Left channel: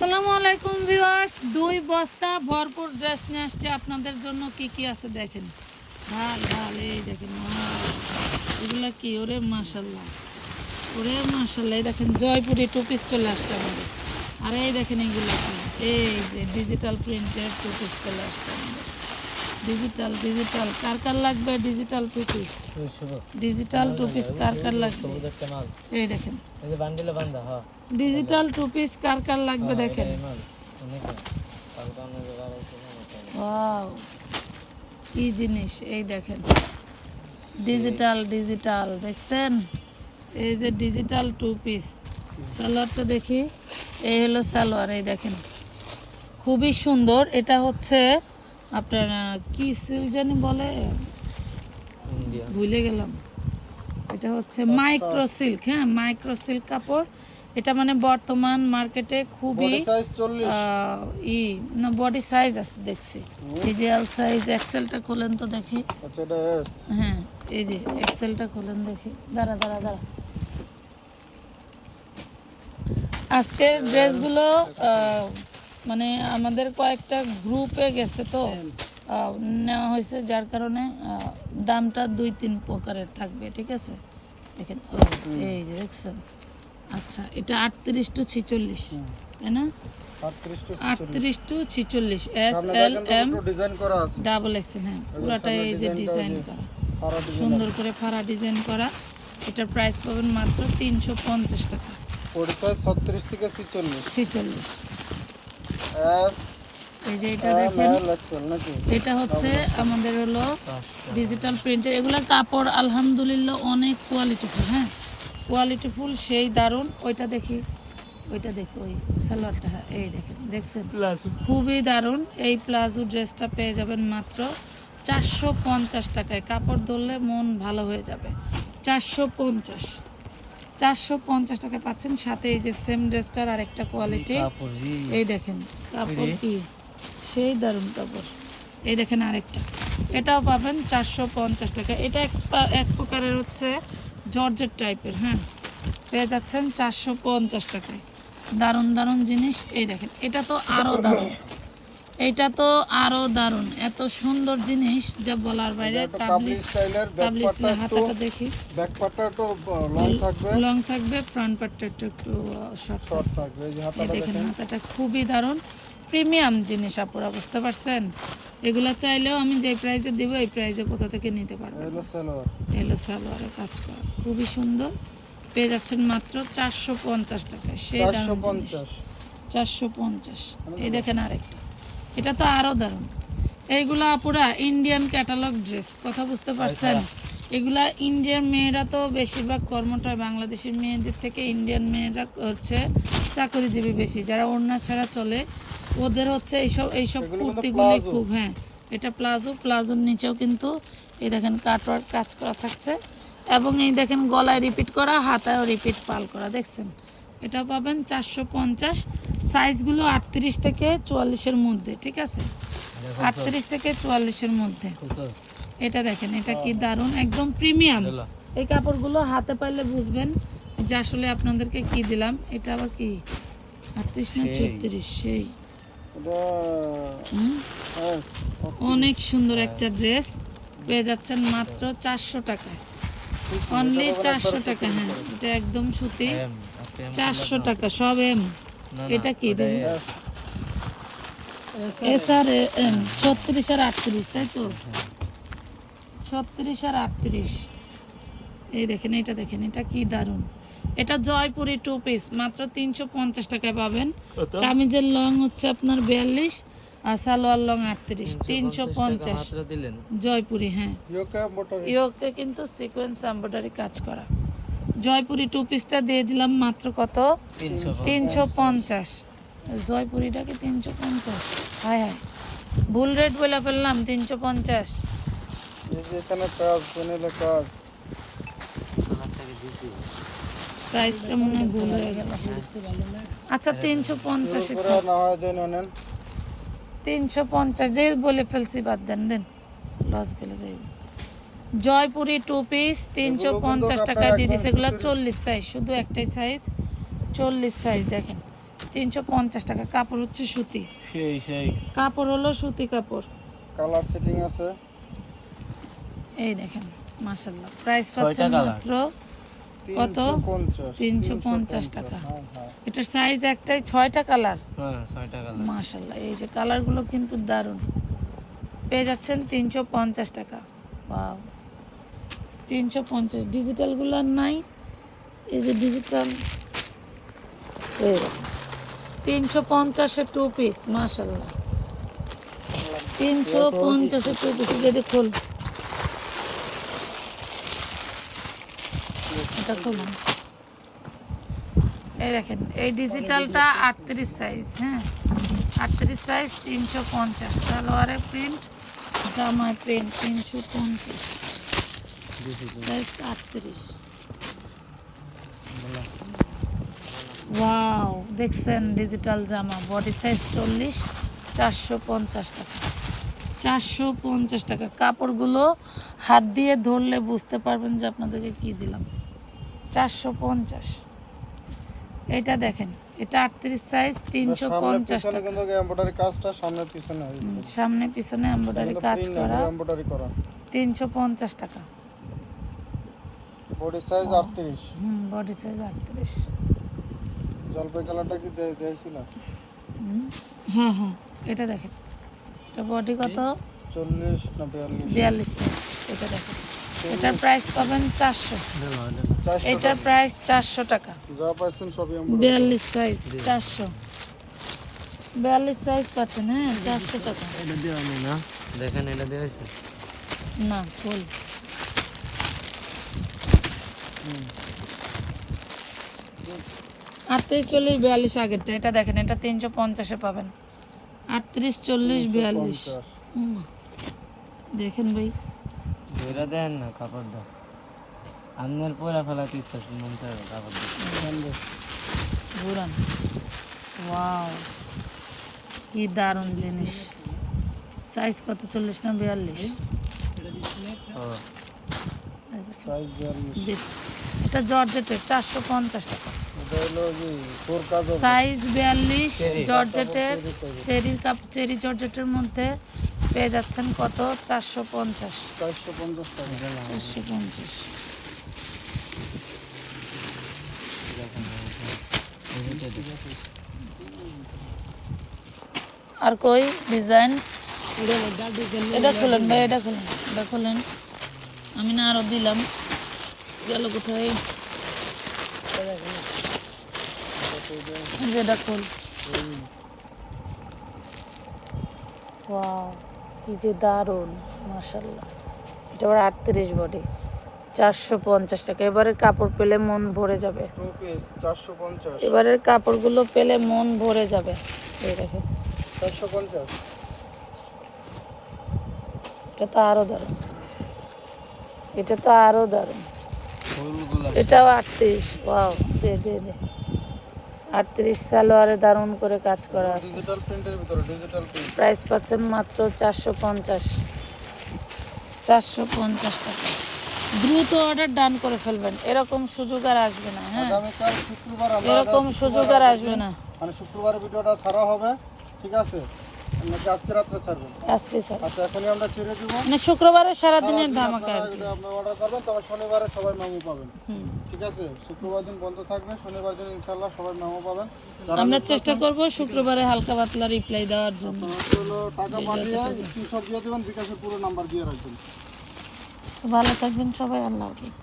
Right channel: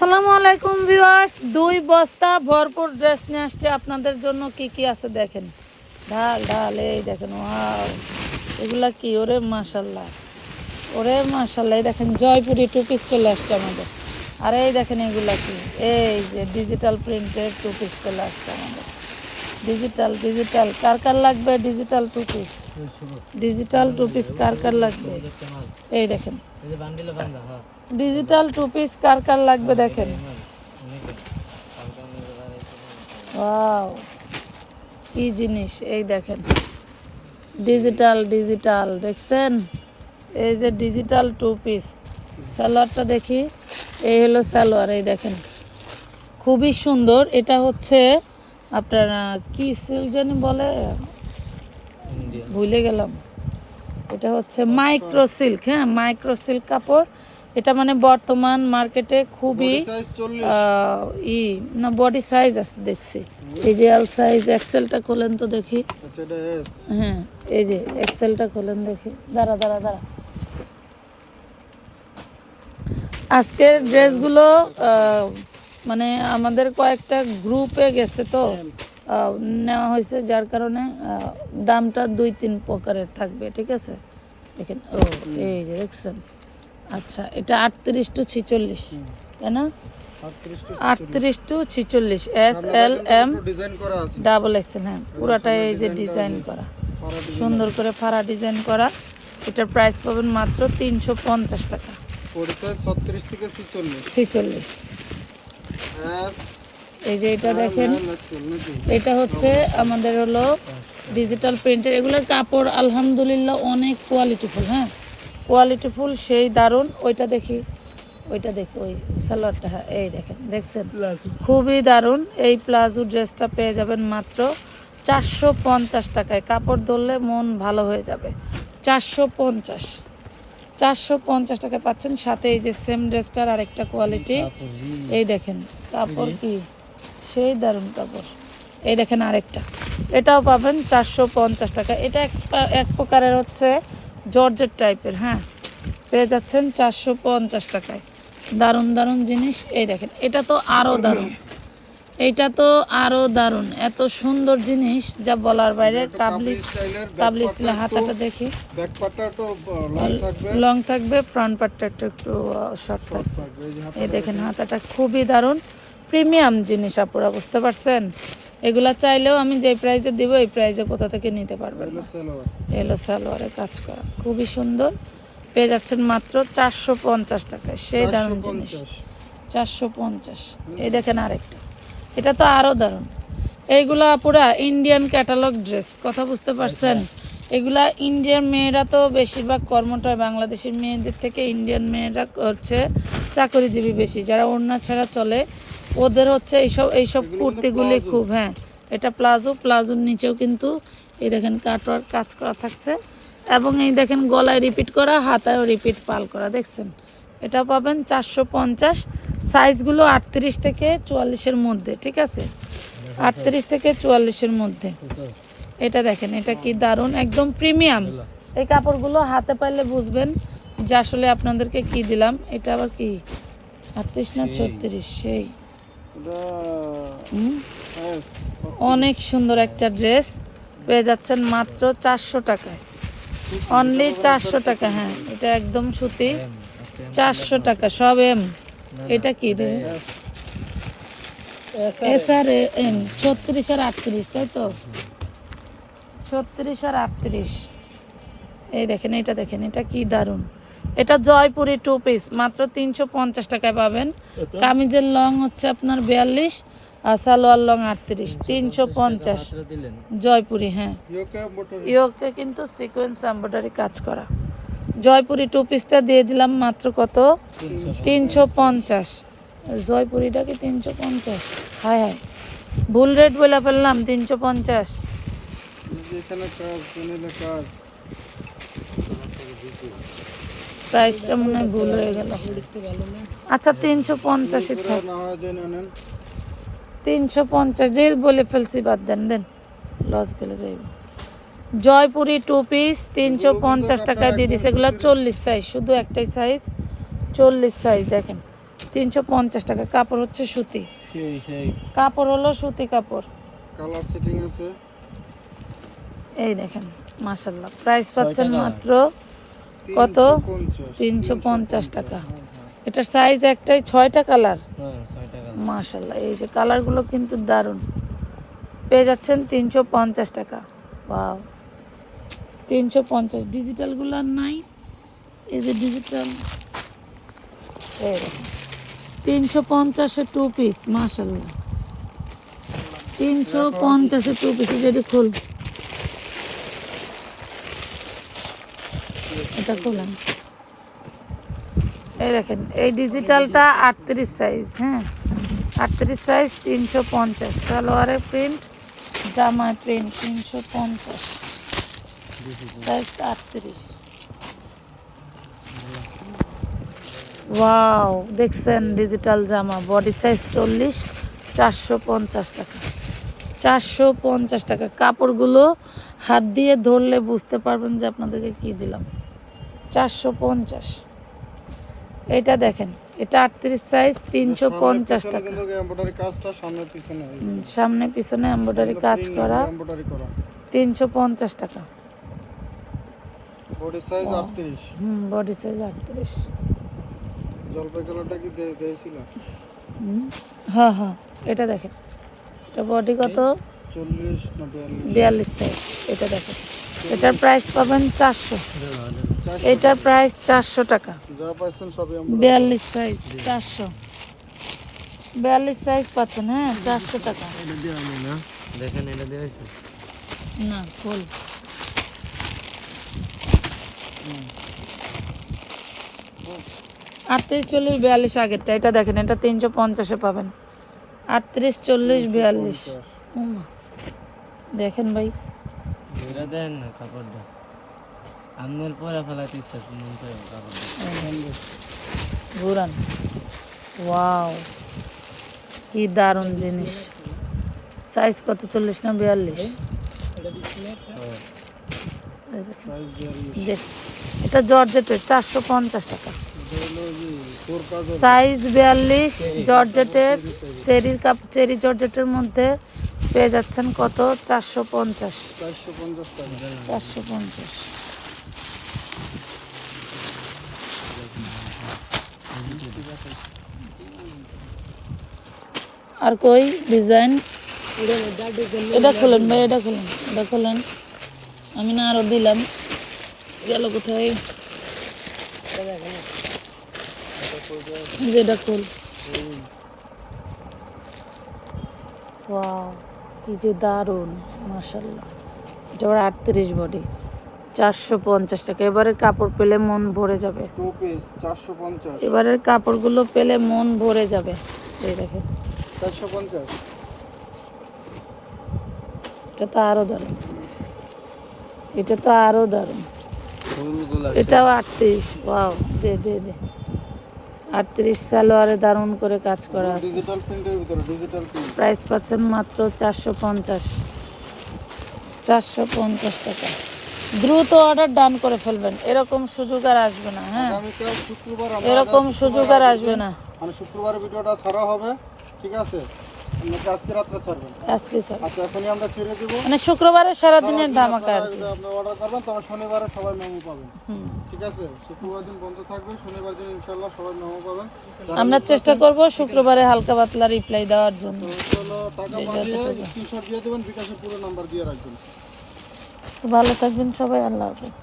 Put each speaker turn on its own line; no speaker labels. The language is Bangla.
আসসালামু আলাইকুম ভিউয়ার্স। দুই বস্তা ভরপুর ড্রেস নিয়ে আসছে। আপনাদের জন্য কি কি আছে দেখেন? ঢাল ঢাল, এই দেখেন এগুলা কি? ওরে মাশাল্লাহ ওরে মাশাল্লাহ এই দেখেন, জয়পুরি টুপিস চলে আসছে আমাদের। আর এই দেখেন এগুলা কি? এই যে ডিজিটাল প্রিন্টের টুপিস চলে আসছে আমাদের। ডিজিটাল ডিজিটাল কার কার লাগবে digital two piece digital two piece কার কার লাগবে? এই দেখেন। ডিজিটাল টু পিস কার কার লাগবে দেখেন? কি জিনিস, এই দেখেন। ডিজিটাল ডিজিটাল দেখছেন? এই যে ডিজিটাল টু পিস সালোয়ারটা দেখি। এই হলো সালোয়ার, এই দেখেন। খুবই সুন্দর। এটা হচ্ছে আপনার কি সিল বলে? ভুলে গেলাম। এটা হচ্ছে মাইক্রো সিল্ক হ্যাঁ মাইক্রো সিল্ক কাপড়। এটা মানে বর্তমান মার্কেটে খুবই ই না বডি সাইজ আছে দেখছি। এই যে এল সাইজ এক্সেলটা খোলেন তো দেখি।
আচ্ছা
হ্যাঁ এই যে এক্সেলটা খোলেন দেখি। দাঁড়া দাঁড়া দাঁড়া। আজকের ড্রেসগুলো মানে আমাদের কয়েকটা গ্রুপে গেছে তো নেওয়া হয়েছে যার কারণে দামটা দুই তিন প্রকারের থাকবে ঠিক আছে? দেখেন এই, যে দেখছেন। আচ্ছা এটা আটত্রিশ টু ছিচল্লিশ তাই না?
আটত্রিশ
টু ছিচল্লিশ। S L M double XL হ্যাঁ পুরোটা এই যে ডিজাইন করা সুন্দর করে ফাড়া ডিজাইন করা। এটার প্রাইস পাবেন মাত্র তিনশো পঞ্চাশ টাকা।
ছত্রিশ থেকে ছিচল্লিশ।
ছিচল্লিশ। এই যে এটা দেখেন এটা হচ্ছে আমাদের হলো ডিজিটাল প্রিন্টের এগুলোর কাপড় আলহামদুলিল্লাহ অনেক কোয়ালিটিফুল হ্যাঁ? কোয়ালিটিফুল সেই দারুণ। ওইটা দেখি ওইটা দেখি ওই সালোয়ারটা হ্যাঁ এই দেখেন দেখছেন? খুবই দারুণ। এই প্লাজো ড্রেসটা পেয়ে যাবেন মাত্র চারশো পঞ্চাশ টাকায়। কাপড় ধরলে মন ভালো হয়ে যাবে। চারশো পঞ্চাশ। চারশো পঞ্চাশ টাকা পাচ্ছেন। সাথে এই যে সেম ড্রেসটার আরেকটা কোয়ালিটি এই দেখেন কাপড় কি? সেই দারুণ কাপড়। এই দেখেন আরেকটা। এটাও পাবেন চারশো পঞ্চাশ টাকা। এটা এক এক প্রকারের হচ্ছে জর্জেট টাইপের হ্যাঁ? পেয়ে যাচ্ছেন চারশো পঞ্চাশ টাকায়। দারুণ দারুণ জিনিস। এই দেখেন এটা তো আরও দারুণ। এটা তো আরও দারুণ। এত সুন্দর জিনিস যা বলার বাইরে।
কাবলি
কাবলি হাতাটা দেখি।
ব্যাক পার্টটা একটু লং থাকবে।
লং থাকবে ফ্রন্ট পার্টটা একটু একটু শর্ট
শর্ট থাকবে। এই
দেখেন হাতাটা খুবই দারুণ। প্রিমিয়াম জিনিস আপুরা বুঝতে পারছেন? এগুলা চাইলেও আমি যে প্রাইজে দিব এই প্রাইজে কোথা থেকে নিতে পারব? এলো সালোয়ারে। কাজ করা। খুবই সুন্দর। পেয়ে যাচ্ছেন মাত্র চারশো পঞ্চাশ টাকায়। সেই
চারশো
দারুণ চারশো পঞ্চাশ। এই দেখেন আরেকটা। এটা তো আরও দারুণ। এইগুলা পুরা ইন্ডিয়ান ক্যাটালগ ড্রেস কথা বুঝতে পারছেন? এগুলা ইন্ডিয়ান মেয়েরা তো বেশিরভাগ কর্মটা বাংলাদেশের মেয়েদের থেকে ইন্ডিয়ান মেয়েরা হচ্ছে চাকরিজীবী বেশি যারা অন্য ছাড়া চলে। ওদের হচ্ছে এইসব এইসব কুর্তিগুলি খুব হ্যাঁ। এটা প্লাজো প্লাজোর নিচেও কিন্তু এই দেখেন কাটওয়ার্ক কাজ করা থাকছে। এবং এই দেখেন গলায় রিপিট করা হাতায়ও রিপিট পাল করা দেখছেন? এটা পাবেন চারশো পঞ্চাশ। সাইজগুলো আটত্রিশ থেকে চুয়াল্লিশের মধ্যে ঠিক আছে? আটত্রিশ থেকে চুয়াল্লিশের মধ্যে। এটা দেখেন এটা কি দারুণ একদম প্রিমিয়াম। এই কাপড়গুলো হাতে পাইলে বুঝবেন যে আসলে আপনাদেরকে কি দিলাম। এটা আবার কি? আটত্রিশ না ছত্রিশ? সেই। হুম? অনেক সুন্দর একটা ড্রেস। পেয়ে যাচ্ছেন মাত্র চারশো টাকা। অনলি চারশো টাকা হ্যাঁ। এটা একদম সুতি। চারশো টাকা সব এম এটা কি দেবে এস আর এম ছত্রিশ আর আটত্রিশ তাই তো? ছত্রিশ আর আটত্রিশ। এই দেখেন এটা দেখেন এটা কি দারুণ। এটা জয়পুরি টু পিস মাত্র তিনশো পঞ্চাশ টাকায় পাবেন। কামিজের লং হচ্ছে আপনার বিয়াল্লিশ আর সালোয়ার লং আটত্রিশ তিনশো পঞ্চাশ জয়পুরি হ্যাঁ।
ইয়োকে
কিন্তু সিকোয়েন্স এমব্রয়ডারি কাজ করা। জয়পুরি টু পিসটা দিয়ে দিলাম মাত্র কত?
তিনশো
পঞ্চাশ। এই জয়পুরিটাকে তিনশো পঞ্চাশ। হ্যাঁ হ্যাঁ। ভুল রেট বলে ফেললাম তিনশো পঞ্চাশ। প্রাইসটা মনে হয় ভুল হয়ে গেল। আচ্ছা তিনশো পঞ্চাশ তিনশো পঞ্চাশ। যে বলে ফেলছি বাদ দেন দেন। লস গেলে যাইবে। জয়পুরি টু পিস তিনশো পঞ্চাশ টাকায় দিয়ে দিচ্ছে এগুলো চল্লিশ সাইজ শুধু একটাই সাইজ চল্লিশ সাইজ দেখেন। তিনশো পঞ্চাশ টাকা কাপড় হচ্ছে সুতি।
সেই সেই।
কাপড় হলো সুতি কাপড়।
কালার সেটিং আছে।
এই দেখেন মাসাল্লাহ প্রাইস পাচ্ছেন মাত্র কত? তিনশো পঞ্চাশ। টাকা।
হ্যাঁ, হ্যাঁ।
এটার সাইজ একটাই ছয়টা কালার
হ্যাঁ
মাশাল্লাহ এই যে কালারগুলো কিন্তু দারুণ। পেয়ে যাচ্ছেন তিনশো পঞ্চাশ টাকা। বাও তিনশো পঞ্চাশ। ডিজিটালগুলো নাই। এই যে ডিজিটাল তিনশো পঞ্চাশে টু পিস মাশাল্লাহ তিনশো পঞ্চাশে টু পিস যেটি খুল। এটা খুলেন এই দেখেন, এই ডিজিটালটা আটত্রিশ সাইজ হ্যাঁ? আটত্রিশ সাইজ তিনশো পঞ্চাশ। সালোয়ারের প্রিন্ট জামার প্রিন্ট তিনশো পঞ্চাশ। আটত্রিশ ওয়াও দেখছেন ডিজিটাল জামা বডি সাইজ চল্লিশ চারশো পঞ্চাশ টাকা। চারশো পঞ্চাশ টাকা। কাপড়গুলো হাত দিয়ে ধরলে বুঝতে পারবেন যে আপনাদেরকে কি দিলাম। চারশো পঞ্চাশ। এটা দেখেন এটা আটত্রিশ সাইজ তিনশো পঞ্চাশ টাকা।
সামনে পিছনে
এমব্রয়ডারি কাজ করা। তিনশো পঞ্চাশ টাকা।
বডি সাইজ 38
হুম বডি সাইজ আটত্রিশ।
জলপাই কালারটা কি দিয়েছিল?
হুম, হ্যাঁ হ্যাঁ এটা দেখেন এটা বডি কত?
40 না 42
বিয়াল্লিশ সাইজ এটা দেখেন এটার প্রাইস পাবেন চারশো।
চারশো
এটার প্রাইস চারশো টাকা।
যা পাচ্ছেন সবই এমব্রয়ডারি
বিয়াল্লিশ সাইজ চারশো। বিয়াল্লিশ সাইজ পাচ্ছেন হ্যাঁ চারশো টাকা।
এটা দেওয়া না? দেখেন এটা দেওয়া হয়েছে?
না ফুল আটত্রিশ চল্লিশ বিয়াল্লিশ আগেরটা এটা দেখেন এটা তিনশো পঞ্চাশে পাবেন। আটত্রিশ চল্লিশ বিয়াল্লিশ। দেখেন ভাই।
এটা দেন না কাপড় দেন। আপনার পরে ফেলাতে ইচ্ছা মন চায় কাপড়
ঘুরান। ওয়াও কি দারুণ জিনিস। সাইজ কত? চল্লিশ না বিয়াল্লিশ?
42
দেখ এটা জর্জেটের চারশো পঞ্চাশ টাকা। সাইজ বিয়াল্লিশ জর্জেটের চেরির কাপ, চেরি জর্জেটের মধ্যে পেয়ে যাচ্ছেন কত? চারশো পঞ্চাশ। চারশো পঞ্চাশ। আর কই? ডিজাইন? এটা খুলেন এটা খুলেন এটা খুলেন। আমি না আরও দিলাম। গেল কোথায়? এই যে এটা কি যে দারুণ এটা আটত্রিশ বডি চারশো পঞ্চাশ টাকা। এবারে কাপড় পেলে মন ভরে যাবে।
পিস 450
এবারের কাপড়গুলো পেলে মন ভরে যাবে। দেখুন।
450
এটা তো আরও দারুণ। এটা তো আরও দারুণ।
ফুলগুলা
এটাও আটত্রিশ। আটত্রিশ সালোয়ারে দারুণ করে কাজ প্রাইস পাচ্ছেন মাত্র চারশো পঞ্চাশ। চারশো পঞ্চাশ টাকা। দ্রুত অর্ডার ডান করে ফেলবেন। এরকম সুযোগ আর আসবে না হ্যাঁ?
শুক্রবার
এরকম সুযোগ আর আসবে না।
মানে শুক্রবার ভিডিওটা ছাড়া হবে ঠিক আছে? আজকে রাত্রে ছাড়বেন আচ্ছা এখনই আমরা ছেড়ে দেবো
মানে শুক্রবারের সারাদিনের ধামাকা
আপনারা অর্ডার করবেন তারপর শনিবারে সবাই মেমো পাবেন ঠিক আছে শুক্রবার দিন বন্ধ থাকবে শনিবার দিন ইনশাল্লাহ সবাই মেমো পাবেন।
আমরা চেষ্টা করব শুক্রবারে হালকা পাতলা রিপ্লাই দেওয়ার জন্য
টাকা পাঠিয়ে স্ক্রিনশট দিয়ে দেবেন বিকাশের পুরো নাম্বার দিয়ে রাখবেন।
ভালো থাকবেন সবাই আল্লাহ হাফেজ।